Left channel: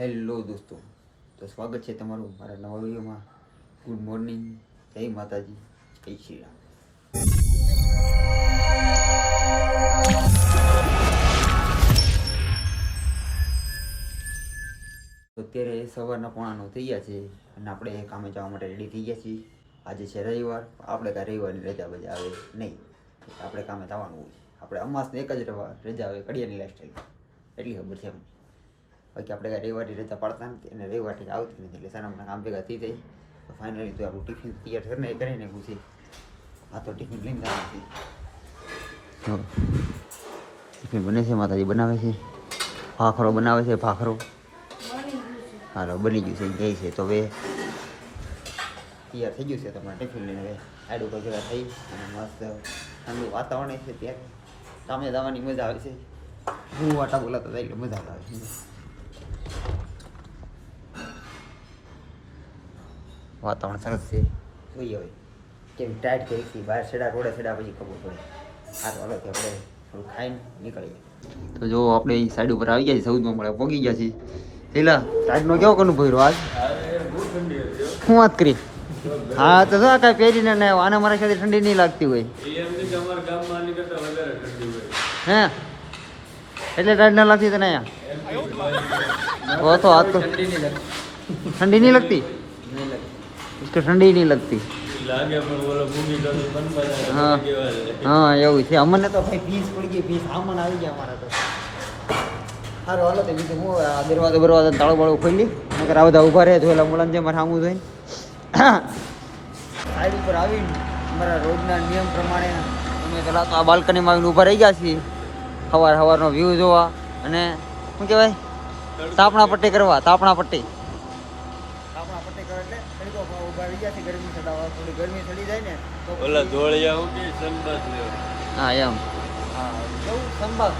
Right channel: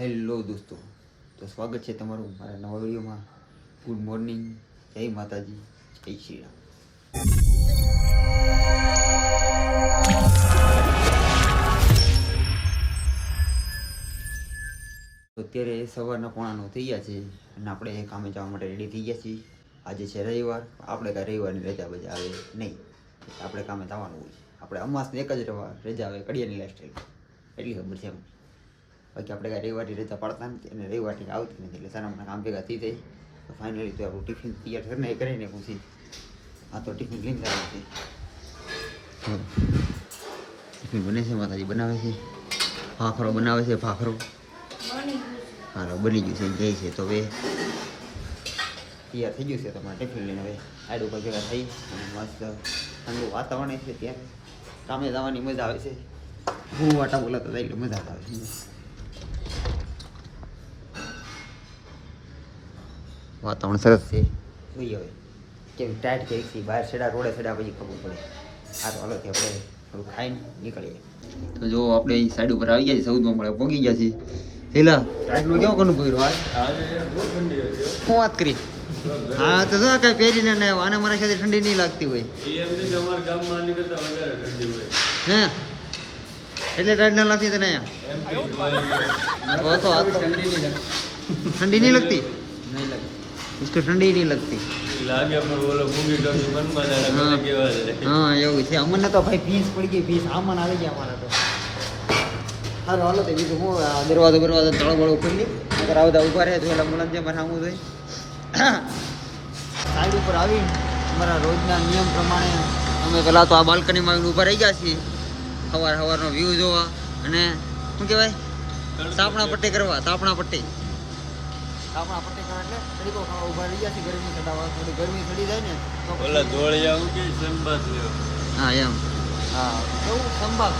Hello દોસ્તો, તો સ્વાગત છે તમારું મારા નવા વિડીયોમાં. ગુડ મોર્નિંગ, જય માતાજી, જય શ્રી રામ. અત્યારે સવારના 9:30 થઈ ગયા છે અને આપણે કામે જવા માટે રેડી થઈ ગયા છીએ. આજે છે રવિવાર, આપણે કાંઈ રવિવારની રજા બજા આવે નહીં, આપણે કામે જવાનું હોય. આપણે અમાસને એક જ રજા આવે કડિયાની લાઈફસ્ટાઈલ, એટલી ખબર છે એમ. બાકી આપણે કાંઈ રવિવારની રજા પાડતા નથી અને રવિવારની આવતી નથી, એટલે સારા મને કામ ભેગા થઈ જાય. તો ફાઇનલી તો આપણું ટિફિન તૈયાર કરીને પૂછી આ તો ટિફિન લઈને જવાનું છે. ટિફિન બને છે, માતાજી બનાવે છે, ભાખરો બનાવે છે, ભાખરો હાલો બની ગયું છે, જાય છે. તો હવે તૈયાર થઈ ગયું છે તમારે ટિફિન લઈને હવે સાઈડ ઉપર ભેગા થઈ અને મસ્ત ઠંડુ વાતાવરણ છે, ત્યારે કામે જવાની મજા આવે છે. હું વાટા બોલાતા જાય એટલે મજા આવે છે. વાતાવરણ સરસ છે. જોઈએ હવે કેવી ટાઈટ કરી છે બહાર સેડા રોડે સેડા પછી ખબર પડે. આ તો હાલોથી આપણે થોડું ખાઈને નીકળીએ. તો જો આપણે સાઈડ ઉપર આવી ગયા છીએ, 14માં મળે પહોંચી ગયા છીએ. પેલા ટાઈટનો કેવો કનું ભર્યો આજ શું વાત કરી? હા તો શું કાંઈ પહેરીને ને આને મારા સાથે ઠંડી નહીં લાગતી હોય હે, એટલે ટાઈટ ના લાગતી તને અહીંયા તો આ તો ઠંડી નહીં લગતી, इसको ठंडी नहीं लगती लागे पर बोलो भूखी टोपी बन बना हाँ એવું છે. અમને તો ભાઈ ફીસ પડી ગઈ, ફીસ આમન આવી ગયા અમારા તો. સારું હાલો તો બીજું હું દરવાજો તાળો બાળો ખોલી આ બધા ઊભા રહે તો એલા મુલામ જે મારે સામું થઈ સાઈડ ઉપર આવીને અમારા રોજના નિયમ પ્રમાણે અમે પહેલાં તો આ બાલ્કનીમાં આવીને ઊભા રહી ગયા છીએ. સવારનો વ્યૂ જોવા અને શું કહેવાય તાપણા પટ્ટી કરવા. તાપણા પટ્ટી કરવા એટલે તરીકો ખાવા ઊભા રહી ગયા છે. ગરમી ચડાવવા, થોડી ગરમી ચડી જાય ને તો હા એમ હા કેવું સંભાગ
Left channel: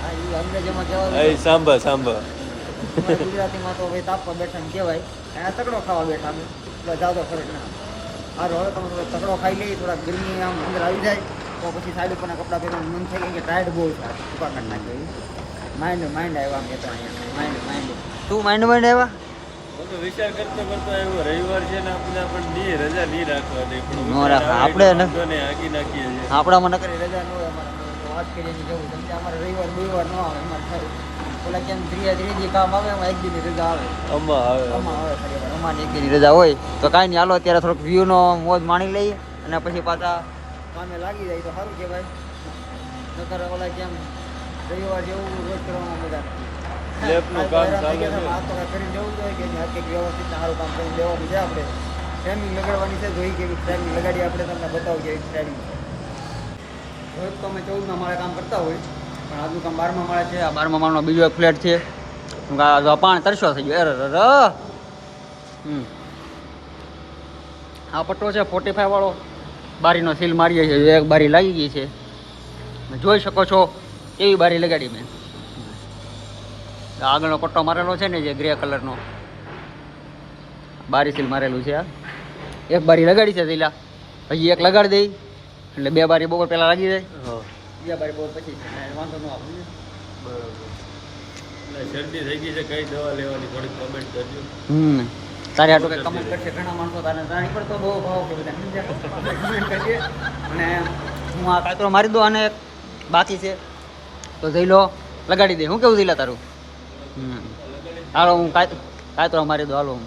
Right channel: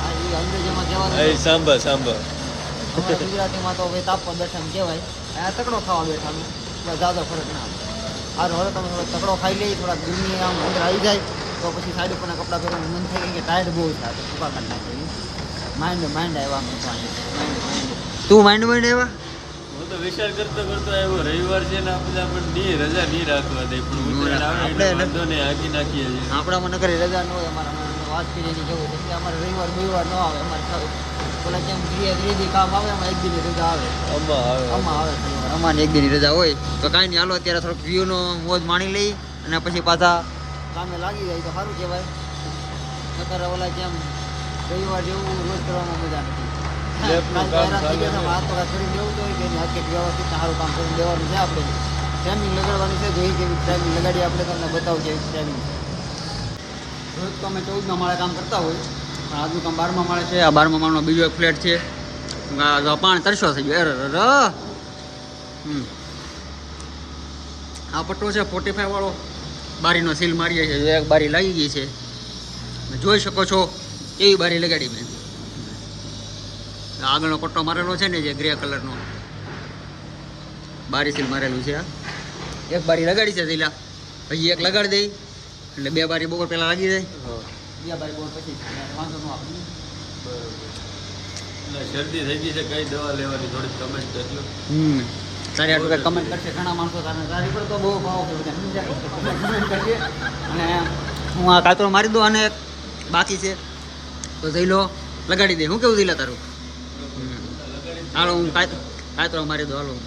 હા એ અંગ્રેજીમાં કહેવાય અમારા ગુજરાતીમાં તો ભાઈ તાપવા બેઠા એમ કહેવાય. અહીંયા તકડો ખાવા બેઠા અમે બસ જાદો ફરક ના. સારું હવે તમે થોડો તકડો ખાઈ લઈએ, થોડા ગરમી આમ અંદર આવી જાય તો પછી સાઈડ ઉપરના કપડાં પહેરવાનું મન થાય કે ટાયર્ડ બહુ છે. આ તો ફૂકા કાઢ નાખીએ. માઇન્ડ આવ્યા મેં તો અહીંયા માઇન્ડ તું માઇન્ડ આવ્યા હું તો વિચાર કરતો આવ્યો રવિવાર છે ને આપણે રજા નહીં રાખવા દે પણ આપણે હાકી નાખીએ છીએ. આપણામાં નકરી રજા ન હોય. અમારા વાત કરીને જવું છે અમારે રવિવાર બવિવાર ન આવે. અમારે ઓલા કેમ ત્રીજી કામ આવે એમાં એક દિનની રજા આવે. આમાં આવે ખાલી વાર અમારી એક દિનની રજા હોય તો કાંઈ નહીં. હાલો અત્યારે થોડોક વ્યૂનો મોજ માણી લઈએ અને પછી પાછા કામે લાગી જાય તો સારું કહેવાય. નકર ઓલા કેમ રવિવાર જેવું રોજ કરવામાં મજા નથી. કાલ તો હેરાન થઈ ગયા હતા. આ તો કાંઈ કરી દેવું જોઈએ કે એની આખી વ્યવસ્થિત સારું કામ કરીને દેવાનું છે. આપણે ટ્રેનિંગ લગાડવાની છે, જોઈ કેવી ટ્રેનિંગ લગાડી આપણે તમને બતાવું કે એવી ટ્રેનિંગ છે. રોજ તો અમે 14માં માળે કામ કરતા હોય પણ આજનું કામ 12માં માળે છે. આ 12મા માળનો બીજો એક ફ્લેટ છે. પાણી તરસો થઈ ગયો. આ પટ્ટો છે 45 વાળો, બારીનો સીલ મારીએ છીએ. એક બારી લાગી ગઈ છે, જોઈ શકો છો એવી બારી લગાડી મેં. આગળનો પટ્ટો મારેલો છે ને જે ગ્રે કલરનો બારી સીલ મારેલું છે. આ એક બારી લગાડી છે સીલા, પછી એક લગાડી દઈ એટલે 2 બારી બપોર પહેલાં લાગી જાય. 2 બારી બપોર પછી વાંધો ન આવે. શરદી થઈ ગઈ છે, કઈ દવા લેવાની થોડીક કમેન્ટ કરજો. તારે આટલું કંઈક કમેન્ટ કરશે ઘણા માણસો. તારી પર તો બહુ ભાવ છે બધા કમેન્ટ કરીએ. અને હું આ કાતરો મારી દઉં અને બાકી છે તો જઈ લો લગાડી દે. હું કેવું જઈલા તારું? હાલો હું કાતરો મારી દઉં. હાલો હું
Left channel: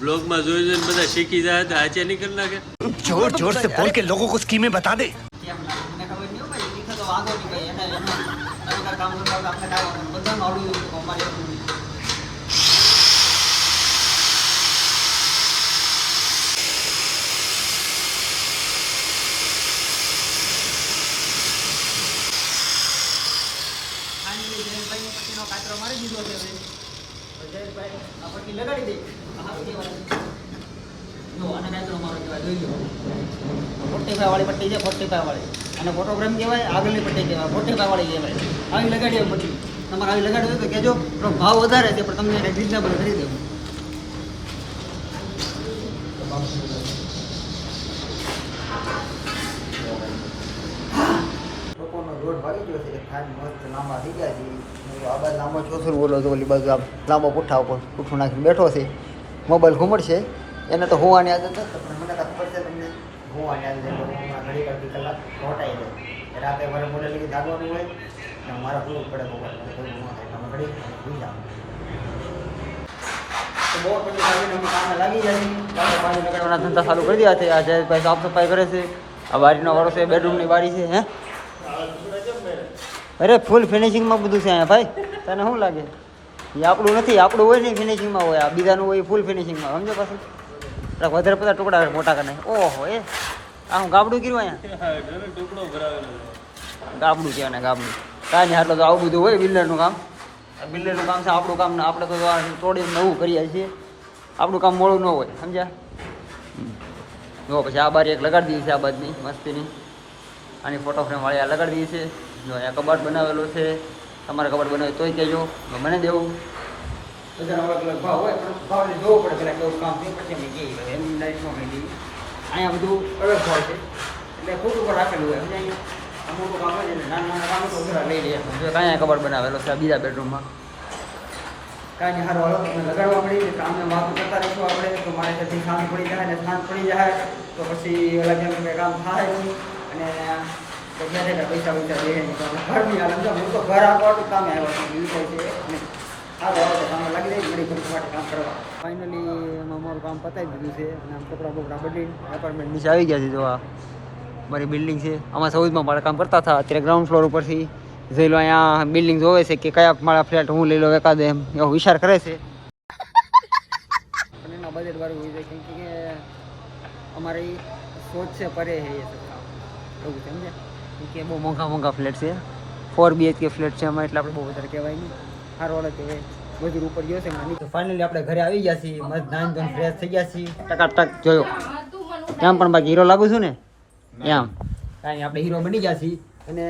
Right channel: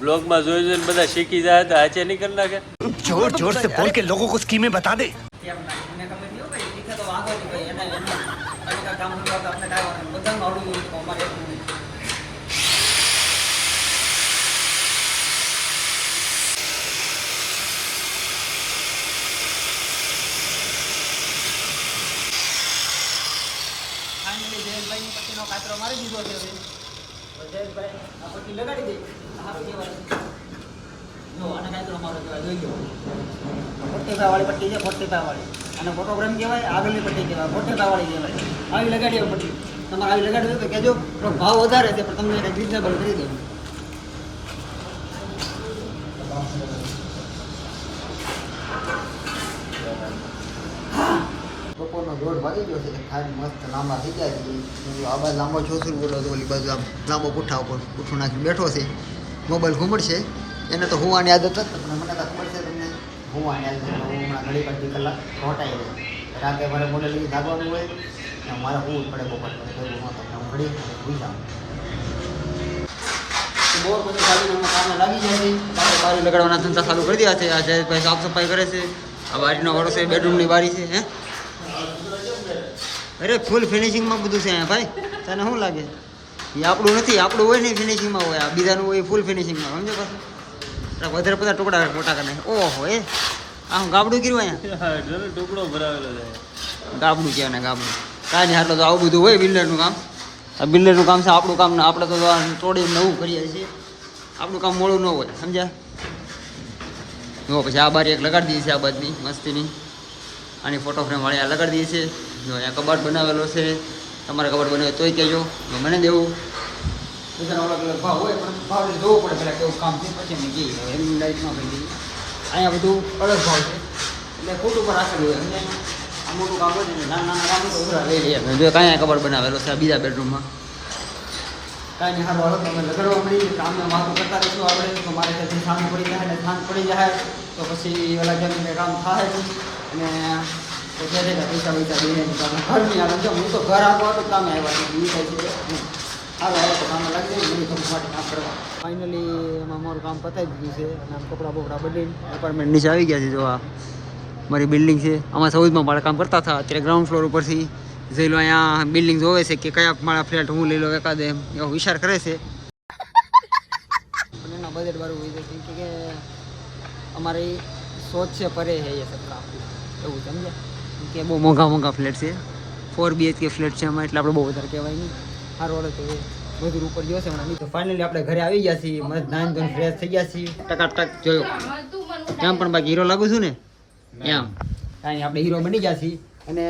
બ્લોગ માં જોઈ જોઈને બધા શીખી જાય તો આજે નહીં કરી નાખે. जोर जोर से बोल के लोगों को स्कीमें बता दे. ફાઇનલી જયેશભાઈની પટ્ટીનો કાતરો મારી દીધો છે. જયેશભાઈ આ પટ્ટી લગાડી દે સારું કહેવાય જો આને કાંઈ તો અમારો કહેવાય જોઈ લો 45 વાળી પટ્ટી છે 45 વાળી અને ફોટોગ્રામ કહેવાય આગળની પટ્ટી કહેવાય 45 વાળી કહેવાય આવી લગાડી હોય પટ્ટી તમારે આવી લગાડવી હોય તો કહેજો થોડો ભાવ વધારે છે પણ તમને રિઝનેબલ કરી દેવું બપોરનો 1:30 વાગી ગયો છે ખાઈ મસ્ત લાંબા થઈ ગયા છે આ બાજુ લાંબો છોસર બોલો તો ઓલી બાજુ આ લાંબો પુઠ્ઠા ઉપર પુઠ્ઠું નાખીને બેઠો છે મોબાઈલ ઘૂમડશે એને તો હોવાની આદત નથી પણ મને તો ખબર છે તમને હોવાની આદત છે હું હમણાં ઘડી અડધી કલાક હોટાઈ જાય રાતે મારે મોડે લઈ જાગવાનું હોય ને મારે હોવું જ પડે બપોરે ભેગું ન થાય એટલે હું ઘડી ભૂઈ જાઉં તો બહુ પછી કાઢીને અમે કામે લાગી જશે બારી લગાડવાના ધંધા ચાલુ કરી દીધા છે આ જયેશભાઈ સાફ સફાઈ કરે છે આ બારીનો વાળો છે બેડરૂમની બારી છે હે અરે ફૂલ ફિનિશિંગમાં બધું છે અહીંયા ભાઈ તને શું લાગે એ આપણું નથી આપણું હોય ને ફિનિશિંગમાં હોય આ બીજાનું હોય ફૂલ ફિનિશિંગમાં સમજો પાછું વધારે બધા ટુકડા મોટા કરી નાખે ઓહો એ આ હું ગાબડું કર્યું અહીંયા ટુકડો ભરાવેલો છે ગાબડું કહેવાય ને ગાબડું કાંઈ નહીં આટલું તો આવું બધું હોય બિલ્ડરનું કામ આ બિલ્ડરનું કામ છે આપણું કામ ને આપણે તો તોડીને નવું કરીએ છીએ આપણું કામ મોડું ન હોય સમજ્યા જો પછી આ બારી એક લગાડી દઈએ છીએ આ બાજની મસ્તીની આની ફોટો ફ્રેમ વાળી આ લગાડી દઈએ છીએ જો અહીંયા કબાટ બનાવેલો છે તમારે કબાટ બનાવે તોય કહેજો તો મને દેવું બધાનો અલગ અલગ ભાવ હોય પણ ભાવને જોવું પડે પેલા કેવું કામ છે પછી અમે કહીએ એમની લાઈફમાં કરી દઈએ અહીંયા બધું અલગ ભાવ છે એટલે ખોટું પર રાખેલું હોય સમજાય આ મોટું કામ હોય ને નાના નાના કામ તો ઉધરા લઈ લઈએ જો કાંઈ કબાટ બનાવેલો છે આ બીજા બેડરૂમમાં કાંઈ નહીં સારું હાલો તમે લગાડવા મળી કામને વાતું કરતા રહીશું આપણે તો મારે ત્યાંથી સાંજ પડી જાય ને સાંજ પડી જાય તો પછી ઓલા જેમ કંઈ કામ થાય નહીં અને તો જ્યાં ત્યાં પૈસા પૈસા દે નહીં તો આપણે ઘરની હાલ સમજો હું તો ઘર આટલું આટલું કામે આવ્યા છું બીજું થાય છે નહીં સારું હાલો તો કામમાં લાગી જાય મળી કંપની માટે કામ કરવા ફાઇનલી એમાં મારું કામ પતાવી દીધું છે અને આમ કપડાં બપડા બદલીને એપાર્ટમેન્ટ નીચે આવી ગયા છે જો આ મારી બિલ્ડિંગ છે આમાં સૌદમાં મારે કામ કરતા હતા અત્યારે ગ્રાઉન્ડ ફ્લોર ઉપરથી જોઈ લો અહીંયા બિલ્ડિંગ જોવે છે કે કયા મારા ફ્લેટ હું લઈ લો એકાદ એમ એવો વિચાર કરે છે પણ એના બજેટ વાળું હોય છે કેમ કે અમારી સોચ છે પરે છે એ સબ કામ એવું સમજે કે બહુ મોંઘા મોંઘા ફ્લેટ છે 4 BHK ફ્લેટ છે એમાં એટલે આપણે બહુ વધારે કહેવાય નહીં સારું હાલો તો બધું ઉપર ગયો છે હમણાં તો ફાઇનલી આપણે ઘરે આવી ગયા છીએ મસ્ત નાઈન ધોઈને ફ્રેશ થઈ ગયા છીએ ટકાટક જોયો એમ પણ બાકી હીરો લાગુ છું ને એમ કાંઈ આપણે હીરો બની ગયા છીએ અને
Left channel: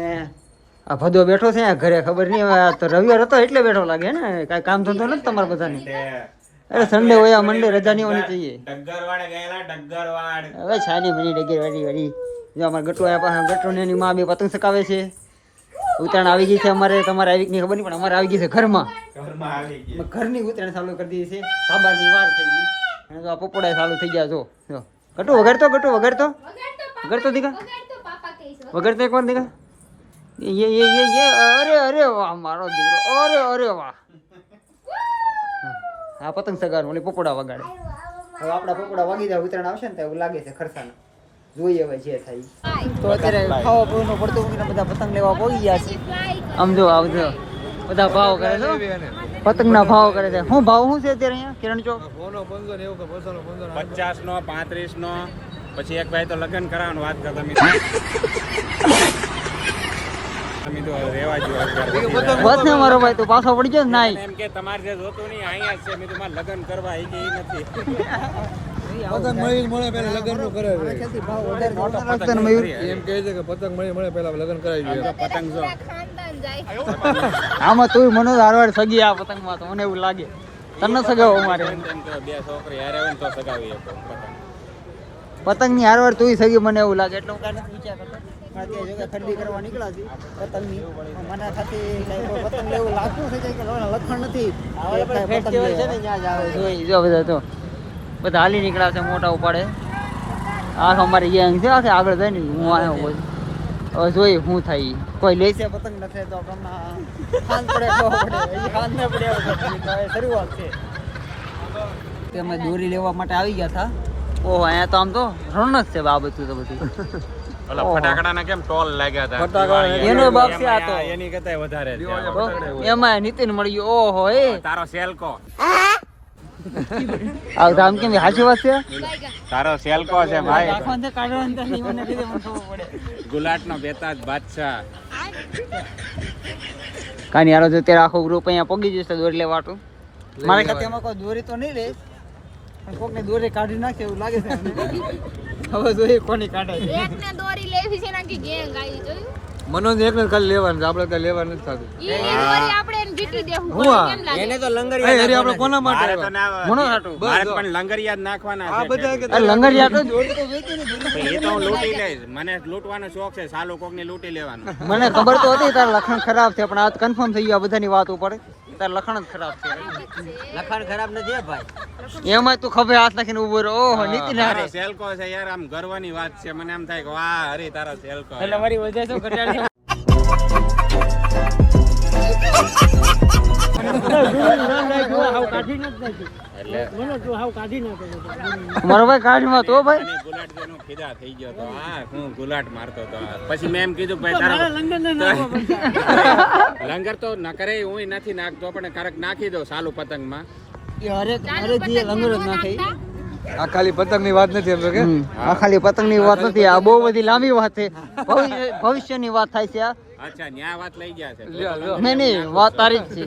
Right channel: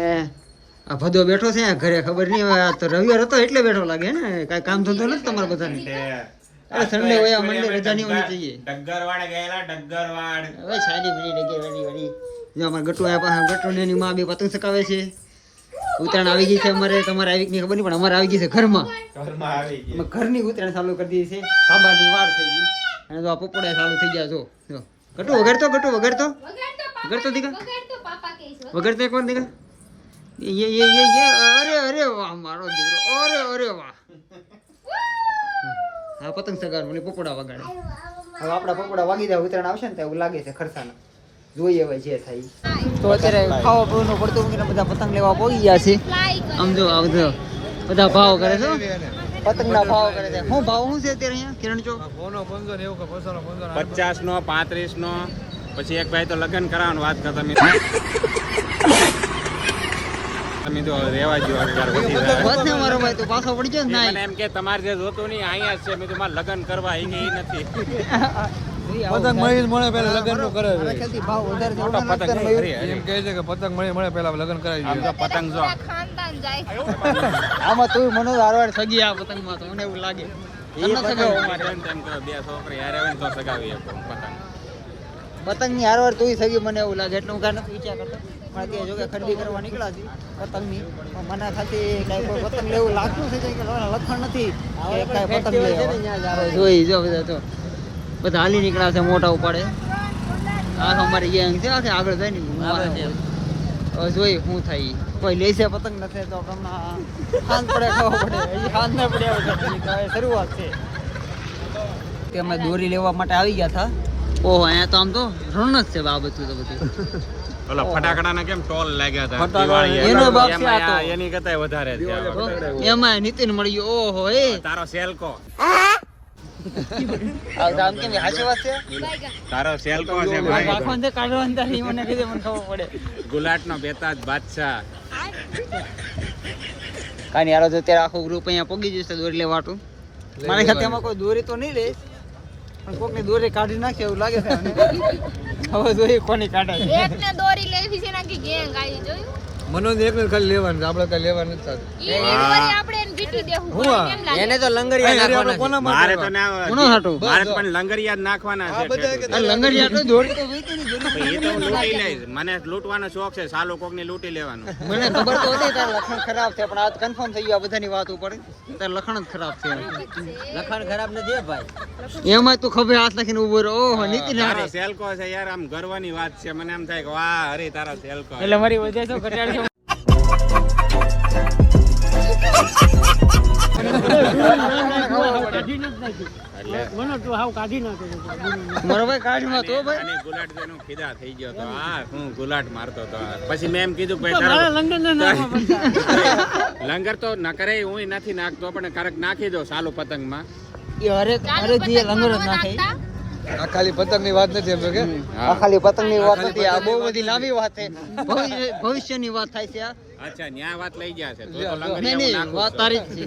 આ ભદો બેઠો છે ઘરે ખબર નહીં હવે તો રવિવાર હતો એટલે બેઠો લાગે ને કાંઈ કામ ધંધો નથી તમારા બધાની અરે સન્ડે હોય મંડે રજા નહીં હોવી જોઈએ ડગ્ગરવાડ ગયેલા ડગ્ગરવાડ હવે છાની બની ડગેરવાડી જો અમારે ગટુ આવ્યા પાસે ગટુ ને એની માં બે પતંગ ચકાવે છે ઉત્તરાયણ આવી ગઈ છે અમારે તમારે આવી નહીં ખબર નહીં પણ અમારે આવી ગઈ છે ઘરમાં ઘરની ઉત્તરાયણ ચાલુ કરી દીધી છે સાબાની વાર થઈ ગઈ અને જો આ પપોડા ચાલુ થઈ ગયા જો ગટુ વગાડતો વગાડતો દીકા વગાડતો એક વાર દીકા ये अरे अरे वाह मारो દીકરો અરે વાહ હા પતંગ સગાર ઓલી પપોડા વગાડે હવે આપણા પપોડા વાગી જાય ઉત્તરાયણ આવશે ને તો એવું લાગે છે ખરસાના જોઈએ હવે જે થાય તો અત્યારે ખાવા પીવાનું પડતું મૂકીને બધા પતંગ લેવા પહોંચી ગયા છે આમ જો આ બધા ભાવ કરે છે પતંગના ભાવ કરે છે શું ભાવ શું છે અત્યારે અહીંયા કિરણ ચોક 50 નો 35 નો પછી એક ભાઈ તો લગ્ન કરાવવાનું વાત કરતા તમે તો રેવા જો બસ ને મારો ભાઈ તો પાછો પડી ગયો ના એમ કે તમારે જે જોતું નહીં અહીંયા છે મેં તમારે લગ્ન કરવા આવી ગઈ નથી પતંગ મળે પહેલા લગ્ન નું કરે છે ખેતી ભાવ વધારે મોટો પતંગ એમ કહે છે કે પતંગ મળે પહેલા લગ્ન કરાવી જોઈએ પતંગ જો આમાં તું મને હારવાર સગી આ પતંગમાં તો મને એવું લાગે તને સગાવવા માટે તેમ કરો બે છોકરી હારે આવે ને તો સગાવી પતંગ પતંગની હારવાર તું સગી મને એવું લાગે એટલે હું કાંઈ નથી વિચાર કરતો પણ અત્યારે જો કે ખરીદી કરવા નીકળ્યા છે પતંગની મને ખાતી કાંઈ કોઈ પતંગ લેવું લાગતું છે કે લખણ નથી કે કાંઈ પતંગ લેવા જોઈ જો બધા તો બધા હાલી નીકળ્યા છે મોટા ઉપાડે આ અમારી ગેંગ છે આખે આગળ જાય ને હું આવ્યો હવે જોઈ શું થાય કોઈ લેશે પતંગ નથી તો હમણાં ખાંડ પડે ખાવા પડે હજી ખાંડ ના પડે શરૂઆત છે તે અમે દોરી લેવા માટે આવી ગયા હતા ઓહો અહીંયા તો આમ તો રણક છે આ બધું તો બધું ઓલા ફટાકડાના કેમ ટોલ લાગ્યા હતા ફટાકડા એનો બાપ છે આ તો એની કરતા વધારે છે આ વખતે. એમાં નીતિન મળી ગયો ઓહો એ તારો સેલકો આ તો આમ કેમ હાચી વાત છે તારો સેલકો છે ભાઈ રાખવાનું છે કાઢવાનું છે નહીં મને કીધું મને ખબર પડે ગુલાટનો બેતાજ બાદશાહ કાની આનો તો ત્યારે આખો ગ્રુપ અહીંયા પગી જશે દોરી લેવાટું મારા ખાતામાં કોઈ દોરી તો નહીં લે પણ કોકની દોરી કાઢી નાખે એવું લાગે છે મને. હવે જોઈએ કોની કાઢે છે. એકને દોરી લેવી છે નાખી ગેંગ આવી જોયું મનોજ એકને ખાલી લેવાનું છે, આપણે કઈ લેવાનું નથી થતું. ઈ આપણે એને જીતી દેવું પડે કેમ લાગે એને તો એ લંગરિયા હરી આપણે કોના માટે મારે તો આવ્યા? ના ઘણો સાટું મારે તો પણ લંગરિયા જ નાખવાના છે આ લંગરિયા તો દોરી તો વેચી ને એ તો હું લૂંટી લઈશ. મને લૂંટવાનો શોખ છે, સાલો કોકને લૂંટી લેવાનો. મને ખબર તો હતી તારા લખણ ખરાબ છે પણ આ કન્ફર્મ થઈ ગયા બધાની વાત ઉપર તારા લખણ જ ખરાબ છે. લખાણ ખરાબ નથી ભાઈ. એમાં તું ખભે હાથ નાખીને ઉભો રહ્યો. ઓહો નીતિન હારે તારો સેલ્કો છે યાર, આમ ગર્વની વાત છે. મને એમ થાય કે વાહ હરી તારા સેલ્કો. એટલે મારી વજહ શું ઘટાડ છે. મારો ભાઈ કાઢમાં તો ભાઈ અને ગુલાટ જેનો ખીદા થઈ ગયો તો આ હું ગુલાટ મારતો તો. પછી મેં એમ કીધું ભાઈ તારા લંગર તો ન કરે હું નથી નાખતો પણ ક્યારેક નાખી દો સાલું પતંગમાં. એ હરેક જે લંગર જ નાખે આ ખાલી પતંગની વાત નથી એમ તો કે આ ખાલી પતંગની વાત નથી. આ બહુ બધી લાંબી વાત છે. ભવિષ્યની વાત થાય છે આ. અચ્છા ન્યા વાત લઈ ગયા છે તો લંગર નહીં નહીં વાત તારી જ છે.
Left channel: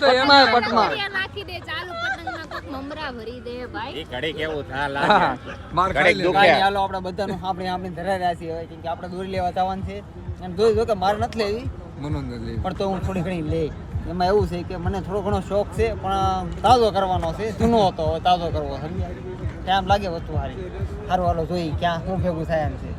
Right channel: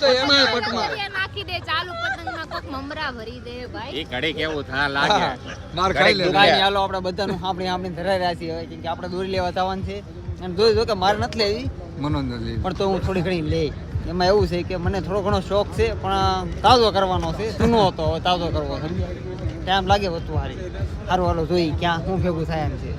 પટમાં પટમાં નાખી દે ચાલુ પતંગમાં કોક મમરા ભરી દે ભાઈ. એ ઘડી કેવું થા લાગે. માર ખાઈ લે. કાંઈ નહીં, હાલો આપણે બધાનું આપણે ધરાઈ રહ્યા છીએ હવે કેમ કે આપણે દોરી લેવા જવાનું છે અને જોઈ જો કે મારે નથી લેવી મનોજ ને લઈ. પણ તો હું થોડી ઘણી લે. એમાં એવું છે કે મને થોડો ઘણો શોખ છે પણ તાજો કરવાનો છે. જૂનો હતો હવે તાજો કરવો સમજ્યા. ટાઈમ લાગે વસ્તુ સારી. સારું હાલો જોઈ ક્યાં શું ભેગું થાય એમ છે.